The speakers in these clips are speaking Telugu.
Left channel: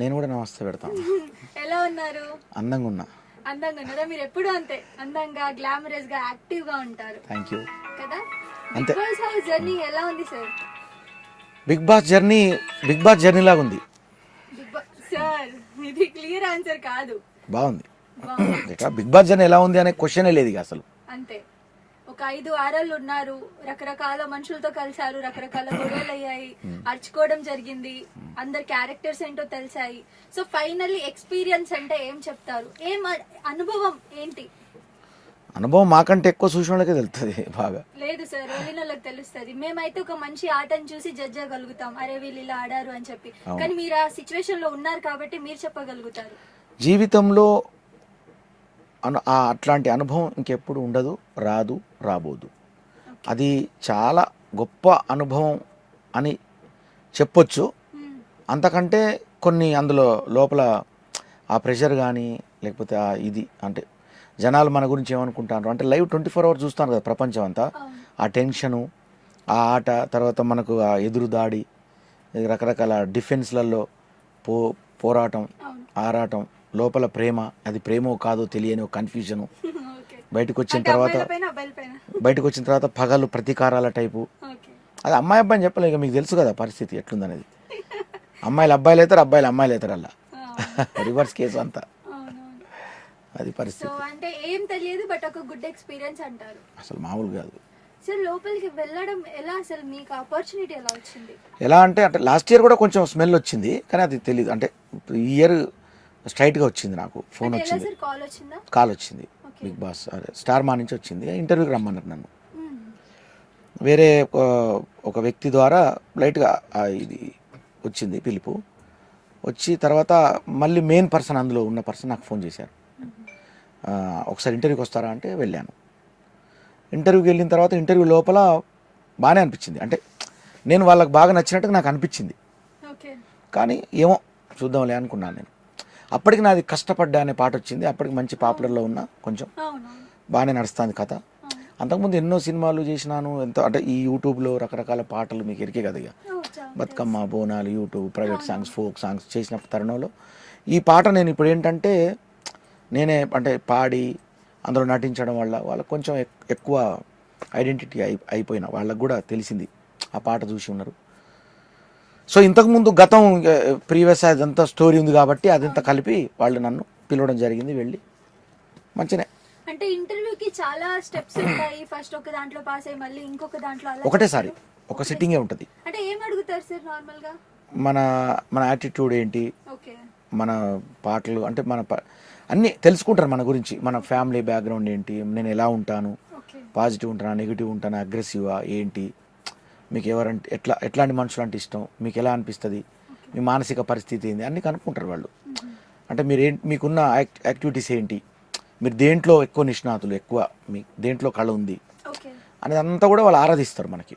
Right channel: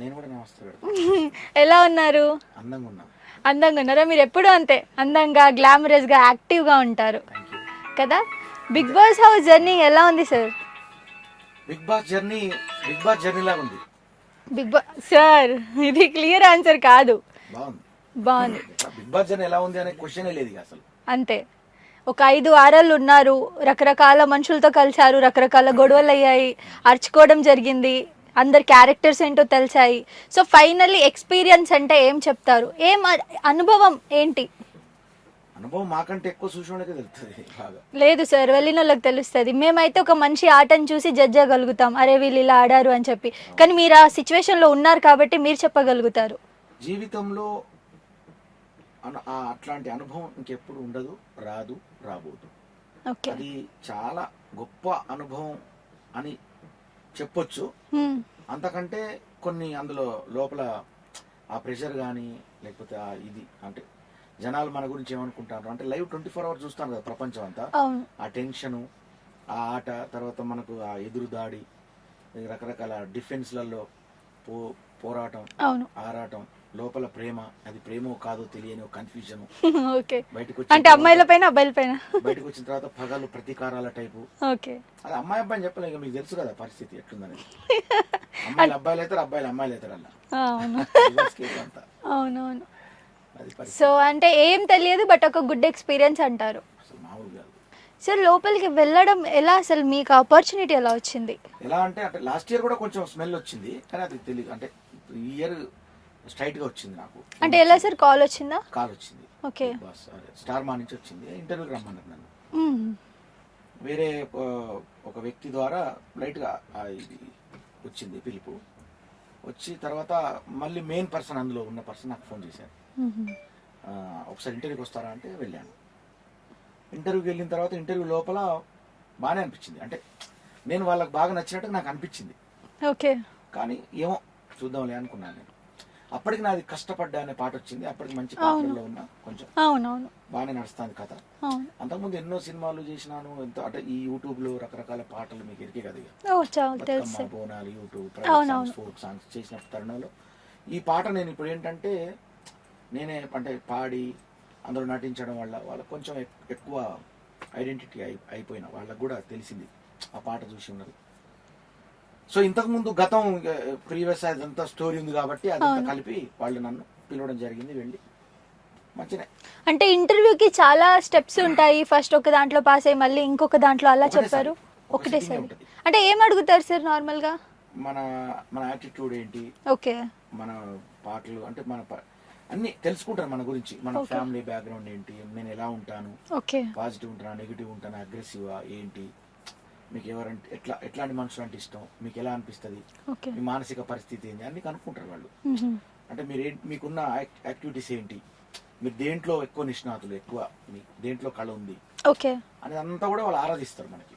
నేను కూడా నమస్తే పెడతాను. ఎలా ఉన్నారు? అందంగా ఉన్నా. అందంగా ఉన్నారా? మీరు ఎప్పుడూ అంతే అందంగా, గ్లామరస్గా, యాక్టివ్గా ఉంటారు థ్యాంక్ యూ. కదా. బిగ్ అంతే. బాస్ హౌస్ జర్నీ ఎలా ఉంది సార్? బిగ్ బాస్ జర్నీ లాగా ఉంది. బిగ్ బాస్ సార్, ఇది క్లియర్ ఆన్సర్ కాదు. బాగుంది. బాగుంది. ఇక బిగ్ బాస్ జర్నీ ఎలా ఉంది అనే క్వశ్చనే లేదు ఇక అసలు. అంతే. ఒక 5 వారాలు ఉన్నారు, రకరకాల మనుషులతో కలిశారు, రకరకాల గొడవలు అయ్యాయి, అరుచుకోవడం జరిగింది, అందరి క్యారెక్టర్స్ ఏంటో తెలిసాయి. సో ఫైనల్లీ ఎక్స్పీరియన్స్ అంటే ఏం చెప్తారు? అనుభవం ఏంటి? అనుభవం మాకంటే ఎక్కువ చూసిన వాళ్ళకే తెలుస్తుంది బాగా. లేదు సార్, వెళ్ళిన వాళ్ళకి తెలుస్తుంది. మేమైతే ఒక మంచి ఆటను చూసి జడ్జ్ చేయగలుగుతాం, అరే వీళ్ళు ఇలా ఆడారు అని చెప్పి. కానీ మీరు ఆ సిచ్యువేషన్లో ఉన్నారు కాబట్టి మీరు చెప్పగలుగుతారు. జీవితంలో అట్లాంటి అనుభవం ఇంకెప్పుడు ఉండదు, రాదు, రాబోదు. ఓకే. అది చాలా గొప్ప అనుభవం అని చెప్పొచ్చు. అంతకంటే కొన్ని అందులో లోపల ఆ ప్రెషర్ కానీ లేకపోతే ఆ ఇది అంటే జనాలు మన గురించి ఏమనుకుంటారు అంటే లైవ్ 24 hours చూస్తాను కదా ప్రపంచం అంతా. అవును. ఆ టెన్షను, ఆ ఆట, తర్వాత మనకు ఆ ఎదురు దాడి, రకరకాల డిఫెన్స్లలో పోరాటం, అవును. ఆరాటం, లోపల ప్రేమ, అది ప్రేమో కాదో తెలియని ఒక కన్ఫ్యూజను. ఓకే. బయటకు అంటే వచ్చిన అమ్మాయిల పైన అబ్బాయిల పైన? బయటకు వచ్చిన తర్వాత పగలు ప్రతీకారాల టైపు. ఓకే. అది అమ్మాయి అబ్బాయిని చెప్పలేదు, మీకు తెలుసు కదా పరిస్థితి ఎట్లుందనేది. అమ్మాయిలు అబ్బాయిలు అవుతారు, అబ్బాయిలు అమ్మాయిలు అవుతారు, అలా రివర్స్ కేసు అంతా. అవునవును. అది పరిస్థితి. సో అంటే ఏం తెలియదు, బట్ ఒక గుడ్ ఎక్స్పీరియన్స్ అంటారు. అసలు మామూలు కాదు. సార్ లోపలికి వెళ్ళడం ఎలా, అసలు మీకు ఆపర్చునిటీ ఎలా వచ్చింది? ఎలా అంటే లాస్ట్ ఇయర్ కూడా కొంచెం స్మెల్ వచ్చింది, కానీ అది తెలియదు. అంటే ఈ ఇయర్ స్ట్రైట్గా వచ్చింది నాకు. అంటే ఎలా సార్, కాల్ వచ్చిందా? కాల్ వచ్చింది. ఓకే. బిగ్ బాస్ స్టార్ మా నుంచి వచ్చింది, ఇంటర్వ్యూకి రమ్మన్నారు నన్ను. వేరే ఒక వ్యక్తి ద్వారా లైట్గా ఇది వచ్చింది పిలుపు. వచ్చి తర్వాత మళ్ళీ మెయిన్ పర్సన్, అందులో ఉన్న పర్సన్ నాకు ఫోన్ చేశారు. ఒకసారి ఇంటర్వ్యూకి వస్తారా అంటే వెళ్ళాను. ఇంటర్వ్యూకి వెళ్ళిన తర్వాత ఇంటర్వ్యూ లోపల బాగానే అనిపించింది. అంటే నేను వాళ్ళకి బాగా నచ్చినట్టుగా నాకు అనిపించింది. ఓకే. కానీ ఏమో చూద్దాంలే అనుకున్నాను నేను. అప్పటికి నాది కష్టపడ్డా అనే పాట వచ్చింది. అప్పటికి మంచి పాపులర్లో ఉన్నా, కొంచెం బాగానే నడుస్తుంది కథ. అంతకుముందు ఎన్నో సినిమాలు చేసినాను, ఎంతో అంటే ఈ యూట్యూబ్లో రకరకాల పాటలు మీకు ఎరికే కదా ఇక. Bathukamma, Bonalu, YouTube, private songs, folk songs చేసిన తరుణంలో ఈ పాట నేను ఇప్పుడు ఏంటంటే నేనే అంటే పాడి అందులో నటించడం వల్ల వాళ్ళకి కొంచెం ఎక్కువ ఐడెంటిటీ అయిపోయిన వాళ్ళకు కూడా తెలిసింది, ఆ పాట చూసి ఉన్నారు. సో ఇంతకుముందు గతం ప్రీవియస్ అదంతా స్టోరీ ఉంది కాబట్టి అదంతా కలిపి వాళ్ళు నన్ను పిలవడం జరిగింది. వెళ్ళి మంచిగా. అంటే ఇంటర్వ్యూకి చాలా స్టెప్స్ ఉంటాయి, ఫస్ట్ ఒక దాంట్లో పాస్ అయ్యి మళ్ళీ ఇంకొక దాంట్లో అలా ఒకటేసారి ఒక సిట్టింగే ఉంటుంది. అంటే ఏం అడుగుతారు సార్ నార్మల్ గా? మన యాటిట్యూడ్ ఏంటి, ఓకే, మన పాటలు అంటే అన్నీ తెలుసుకుంటారు మన గురించి, మన ఫ్యామిలీ బ్యాక్గ్రౌండ్ ఏంటి, నేను ఎలా ఉంటాను, పాజిటివ్ ఉంటానా, నెగిటివ్ ఉంటానా, అగ్రెసివా ఏంటి, మీకు ఎవరంటే ఎట్లాంటి మనుషులు అంటే ఇష్టం, మీకు ఎలా అనిపిస్తుంది, మీ మానసిక పరిస్థితి ఏంటి అన్నీ కనుక్కుంటారు వాళ్ళు. అంటే మీకున్న యాక్టివిటీస్ ఏంటి, మీరు దేంట్లో ఎక్కువ నిష్ణాతులు, ఎక్కువ మీ దేంట్లో కళ ఉంది అనేది అంతా కూడా వాళ్ళు ఆరాధిస్తారు మనకి.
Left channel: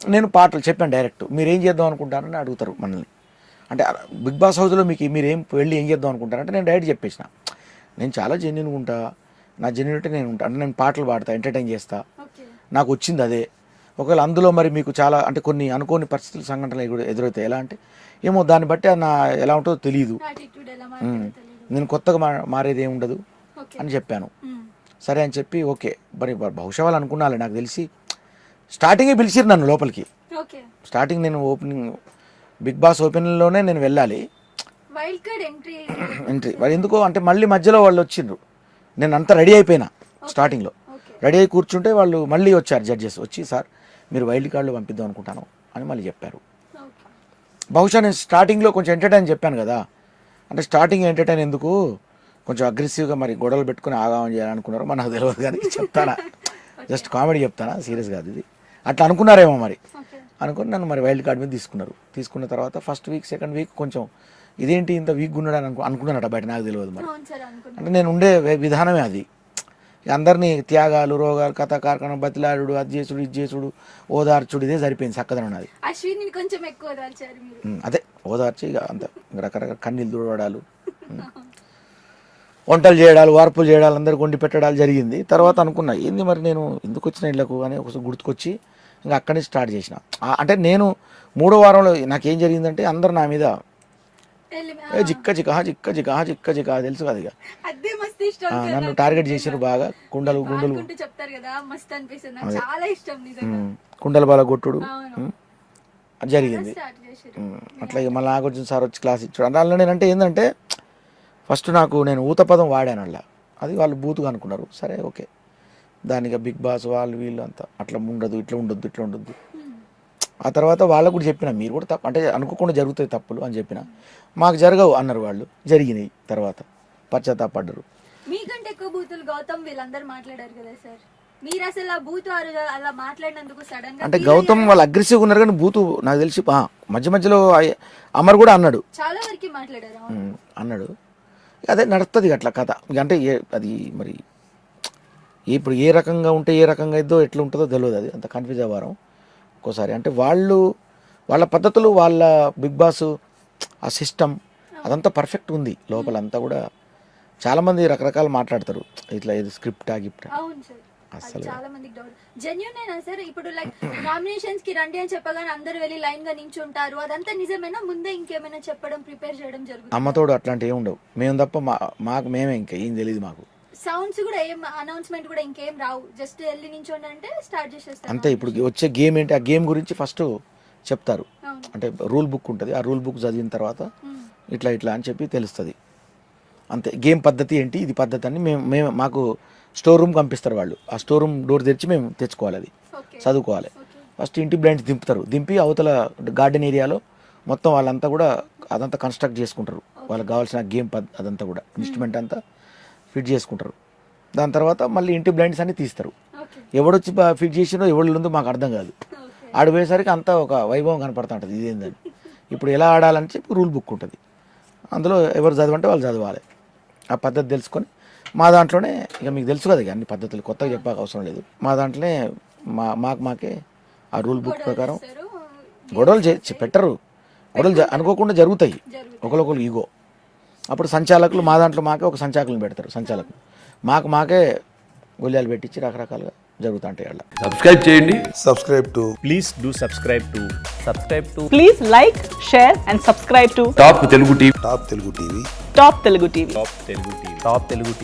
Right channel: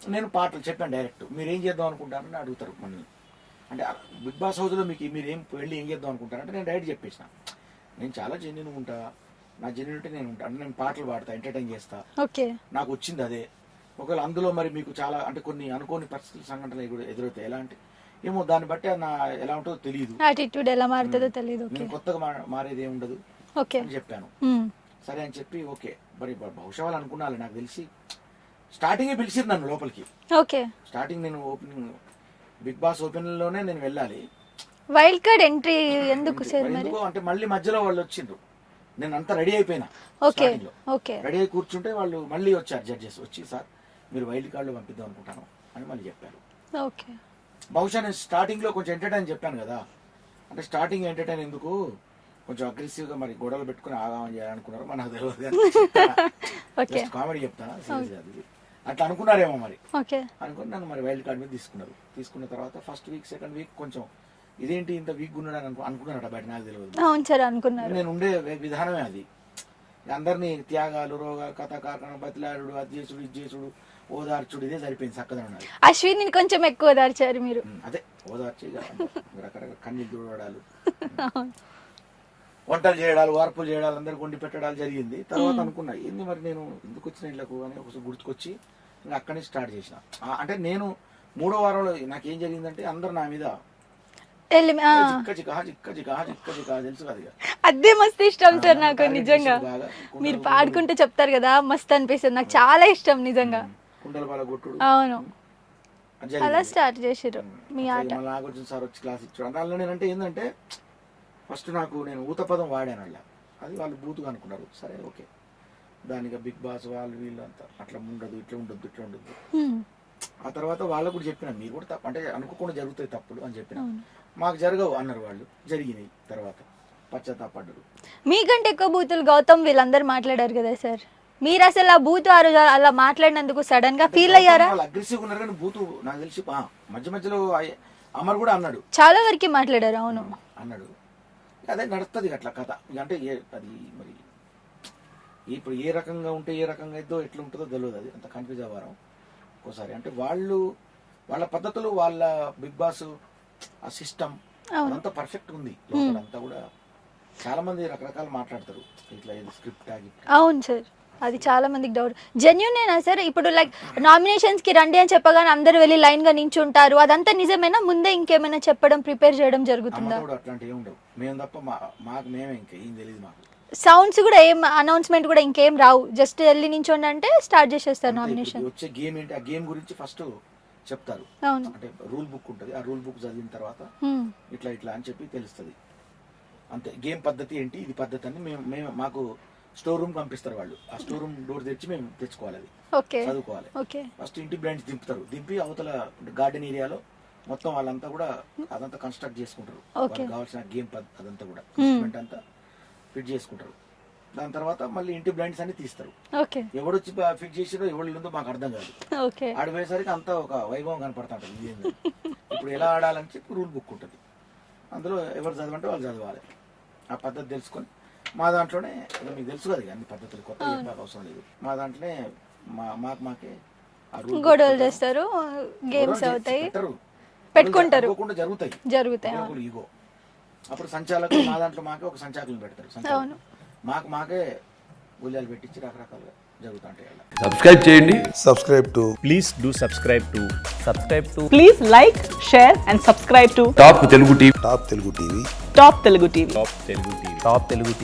నేను పాటలు చెప్పాను డైరెక్ట్, మీరు ఏం చేద్దాం అనుకుంటారని అడుగుతారు మనల్ని. అంటే బిగ్ బాస్ హౌస్లో మీరు వెళ్ళి ఏం చేద్దాం అనుకుంటారంటే నేను డైరెక్ట్ చెప్పేసిన, నేను చాలా జెన్యున్గా ఉంటా, నా జెన్యునిటీ నేను ఉంటా, అంటే నేను పాటలు పాడతా, ఎంటర్టైన్ చేస్తా, నాకు వచ్చింది అదే. ఒకవేళ అందులో మరి మీకు చాలా అంటే కొన్ని అనుకోని పరిస్థితులు, సంఘటనలు కూడా ఎదురవుతాయి. ఎలా అంటే ఏమో దాన్ని బట్టి నా ఎలా ఉంటుందో తెలియదు, నేను కొత్తగా మారేది ఏమి ఉండదు అని చెప్పాను. సరే అని చెప్పి ఓకే, మరి బహుశా వాళ్ళు అనుకున్నాలే, నాకు తెలిసి స్టార్టింగే పిలిచిరు నన్ను లోపలికి. స్టార్టింగ్ నేను ఓపెనింగ్ బిగ్ బాస్ ఓపెనింగ్లోనే నేను వెళ్ళాలి, వైల్డ్ కార్డ్ ఎంట్రీ ఎందుకో అంటే మళ్ళీ మధ్యలో వాళ్ళు వచ్చిండ్రు. నేను అంతా రెడీ అయిపోయినా, స్టార్టింగ్లో రెడీ అయి కూర్చుంటే వాళ్ళు మళ్ళీ వచ్చారు జడ్జెస్, వచ్చి సార్ మీరు వైల్డ్ కార్డులో పంపిద్దాం అనుకుంటాను అని మళ్ళీ చెప్పారు. బహుశా నేను స్టార్టింగ్లో కొంచెం ఎంటర్టైన్ చెప్పాను కదా, అంటే స్టార్టింగ్ ఎంటర్టైన్ ఎందుకు, కొంచెం అగ్రెసివ్గా మరి గొడవలు పెట్టుకుని ఆగామని చేయాలనుకున్నారు, మరి నాకు తెలియదు కానీ చెప్తానా, జస్ట్ కామెడీ చెప్తానా, సీరియస్ కాదు ఇది, అట్లా అనుకున్నారేమో మరి. అనుకుని నన్ను మరి వైల్డ్ కార్డ్ మీద తీసుకున్నారు. తీసుకున్న తర్వాత ఫస్ట్ వీక్ సెకండ్ వీక్ కొంచెం ఇదేంటి ఇంత వీక్ ఉన్నాడు అనుకున్నారట బయట, నాకు తెలియదు. నేను ఉండే విధానమే అది, అందరినీ త్యాగాలు, రోగాలు, కథ కార్ఖానం, బతిలాడు, అది చేసుడు, ఇది చేసుడు, ఓదార్చుడు, ఇదే సరిపోయింది చక్కదనం ఉన్నది. అశ్విని కొంచెం ఎక్కువ ఓదార్చారు మీరు. అదే ఓదార్చి ఇక అంత రకరకాల కన్నీళ్ళు తుడవడాలు, వంటలు చేయడాలు, వార్పులు చేయడాలు, అందరికి వండి పెట్టడాలు జరిగింది. తర్వాత అనుకున్నా ఏంది మరి నేను ఎందుకు వచ్చిన ఇళ్ళకు అని ఒకసారి గుర్తుకొచ్చి ఇంకా అక్కడి నుంచి స్టార్ట్ చేసిన. అంటే నేను 3వ వారంలో నాకేం జరిగిందంటే అందరు నా మీద జిక్క జికా జిక్క జికా జిక్క జికా తెలుసు కదా ఇక. అదే మస్తు ఇష్టం సార్ నాకు టార్గెట్ నిజంగా. చేసారు బాగా. కుండలు మీరు పాడుకుంటూ చెప్తారు కదా మస్తు అనిపిస్తుంది నాకు చాలా ఇష్టం నిజంగా. కుండల బాల కొట్టుడు అవును అలా జరిగింది. స్టార్ట్ చేసారు అట్లాగే మళ్ళీ నాకు వచ్చిన సార్ వచ్చి క్లాస్ ఇచ్చాడు. అందులో నేనంటే ఏంటంటే ఫస్ట్ నేను ఊత పదం వాడాను అలా, అది వాళ్ళు బూతుగా అనుకున్నారు. సరే ఓకే, దానికి బిగ్ బాస్ వాళ్ళు వీళ్ళు అంతా అట్లా ఉండదు, ఇట్లా ఉండొద్దు, ఇట్లా ఉండొద్దు. ఆ తర్వాత వాళ్ళకు కూడా చెప్పిన, మీరు కూడా తప్పు అంటే అనుకోకుండా జరుగుతాయి తప్పులు అని చెప్పిన. మాకు జరగవు అన్నారు వాళ్ళు, జరిగినాయి. తర్వాత పశ్చాత్తాపడ్డారు. మీకంటే ఎక్కువ బూతులు గౌతమ్ వీళ్ళందరూ మాట్లాడారు కదా సార్, మీరు అసలు ఆ బూత్ ఆ రోజు అలా మాట్లాడినందుకు సడన్ గా అంటే ఫీల్ గౌతమ్ అయ్యారా? వాళ్ళు అగ్రెసివ్గా ఉన్నారు కానీ బూతు నాకు తెలిసి మధ్య మధ్యలో అమర్ కూడా అన్నాడు, చాలా వరకు మాట్లాడారు. అవును అన్నాడు. అదే నడుస్తుంది అట్లా కథ. ఇక అంటే అది మరి ఇప్పుడు ఏ రకంగా ఉంటే ఏ రకంగా అయిద్దో ఎట్లా ఉంటుందో తెలియదు, అది అంత కన్ఫ్యూజ్ అవ్వరం ఒక్కోసారి. అంటే వాళ్ళ పద్ధతులు, వాళ్ళ బిగ్ బాస్ ఆ సిస్టమ్ అదంతా పర్ఫెక్ట్ ఉంది లోపల అంతా కూడా. చాలా మంది రకరకాలు మాట్లాడతారు ఇట్లా, ఏదో స్క్రిప్ట్ గిఫ్ట్. అవును సార్, అది చాలా మందికి డౌట్. జెన్యూనేనా సార్? ఇప్పుడు లైక్ నామినేషన్స్ కి రండి అని చెప్పగానే అందరూ వెళ్ళి లైన్ గా నించుంటారు, అదంతా నిజమేనా? ముందే ఇంకేమైనా చెప్పడం, ప్రిపేర్ చేయడం జరుగుతుంది? అమ్మతోడు అట్లాంటివి ఏమి ఉండవు, మేము తప్ప మాకు మేమే, ఇంకా ఏం తెలియదు మాకు. సౌండ్స్ కూడా ఏం అనౌన్స్మెంట్ కూడా ఇంకేం రావు, జస్ట్ వెళ్ళి నించోండి అంటే స్టార్ట్ చేసేస్తారు అంతే. ఇప్పుడు వచ్చే గేమ్ ఏంటి, ఆ గేమ్ గురించి ఫస్ట్ చెప్తారు. అవును అంటే రూల్ బుక్ ఉంటుంది, ఆ రూల్ బుక్ చదివిన తర్వాత ఇట్లా ఇట్లా అని చెప్పి తెలుస్తుంది. అంతే. గేమ్ పద్ధతి ఏంటి, ఇది పద్ధతి అని మేము మాకు స్టోర్ రూమ్ పంపిస్తారు వాళ్ళు. ఆ స్టోర్ రూమ్ డోర్ తెరిచి మేము తెచ్చుకోవాలి, అది ఓకే చదువుకోవాలి. ఓకే ఫస్ట్ ఇంటి బ్లైండ్స్ దింపుతారు, దింపి అవతల గార్డెన్ ఏరియాలో మొత్తం వాళ్ళంతా కూడా అదంతా కన్స్ట్రక్ట్ చేసుకుంటారు. వాళ్ళకి కావాల్సిన గేమ్ అదంతా కూడా ఇన్స్ట్రుమెంట్ అంతా ఫిట్ చేసుకుంటారు. దాని తర్వాత మళ్ళీ ఇంటి బ్లైండ్స్ అన్ని తీస్తారు. ఓకే ఎవడొచ్చి ఫిట్ చేసినో ఎవడు ఉందో మాకు అర్థం కాదు. ఓకే ఆడిపోయేసరికి అంతా ఒక వైభవం కనపడుతూ ఉంటుంది, ఇదేందని. ఇప్పుడు ఎలా ఆడాలని చెప్పి రూల్ బుక్ ఉంటుంది, అందులో ఎవరు చదవంటే వాళ్ళు చదవాలి. ఆ పద్ధతి తెలుసుకొని మా దాంట్లోనే, ఇక మీకు తెలుసు కదా ఇక అన్ని పద్ధతులు కొత్తగా చెప్పాక అవసరం లేదు. మా దాంట్లోనే మాకే ఆ రూల్ బుక్ గొడవలు ప్రకారం చేస్తారు, గొడవలు పెట్టరు, గొడవలు అనుకోకుండా జరుగుతాయి ఒకరికొకరు ఈగో. అప్పుడు సంచాలకులు మా దాంట్లో మాకే ఒక సంచాలకులను పెడతారు. సంచాలకులు మాకే గొల్లాలు పెట్టించి రకరకాలుగా జరుగుతుంటాయి. అలా సబ్స్క్రైబ్ చేయండి. subscribe to Please do subscribe to Please like, share and subscribe to top Telugu TV. Top Telugu TV. Top Telugu TV. Top Telugu TV.